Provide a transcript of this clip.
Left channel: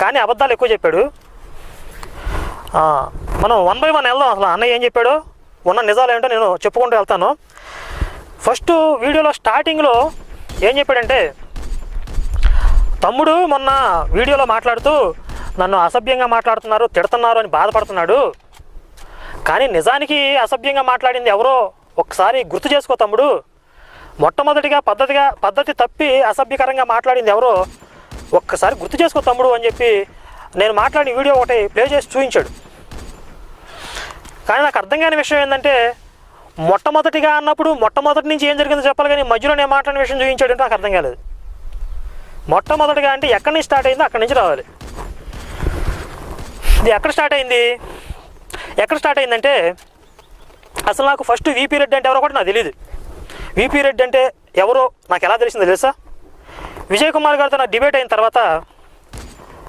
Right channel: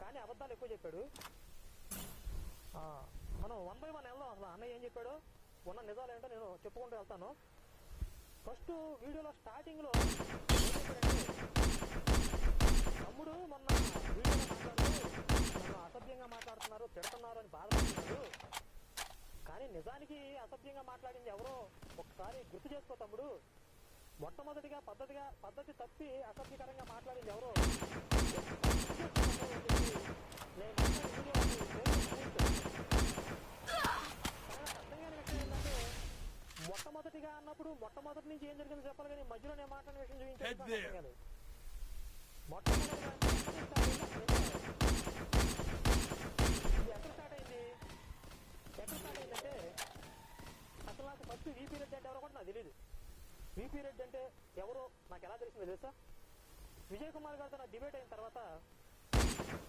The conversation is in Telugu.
కానీ అబద్ధాలు ఎక్కువ చెప్పాడు. మనం 1 by 1 వెళ్దాం. అసలు అన్నయ్య ఏం చెప్పాడు, ఉన్న నిజాలు ఏంటో నేను చెప్పుకుంటూ వెళ్తాను. ఫస్ట్ వీడియోలో స్టార్టింగ్లో ఏం చెప్పాడంటే, తమ్ముడు మొన్న వీడియోలో మాట్లాడుతూ నన్ను అసభ్యంగా మాట్లాడుతున్నారు, తిడుతున్నారు అని బాధపడుతున్నాడు. కానీ నిజానికి అసభ్యంగా మాట్లాడింది ఎవరో ఒక్కసారి గుర్తు చేసుకో తమ్ముడు. మొట్టమొదటిగా పద్ధతి తప్పి అసభ్యకరంగా మాట్లాడింది ఎవరో ఒక్కసారి గుర్తు చేసుకో తమ్ముడు అని చెప్పి నేను మాట్లాడిన వీడియో ఒకటి ప్లే చేసి చూపించాడు. కానీ నాకు అర్థం కాని విషయం ఏంటంటే, మొట్టమొదటిగా అన్నప్పుడు మొట్టమొదటి నుంచి ఏం జరిగిందో చెప్పాలి, కానీ మధ్యలో నేను మాట్లాడిన విషయం చూపించాడు అంటే నాకు అర్థం కాలేదు. మొట్టమొదటిగా అంటే ఎక్కడి నుంచి స్టార్ట్ అయిందో అక్కడి నుంచి రావాలి. ఇది ఎక్కడ స్టార్ట్ అయిందంటే, అసలు నాకు ఫస్ట్ వీపీ రెడ్డి అంటే ఎవరో కూడా నాకు తెలియదు. వీపీ రెడ్డి అంటే ఎవరో నాకు ఎలా తెలిసిందో తెలుసా, విజయ్ కుమార్ గారితో నాకు డిబేట్ అయిన తర్వాత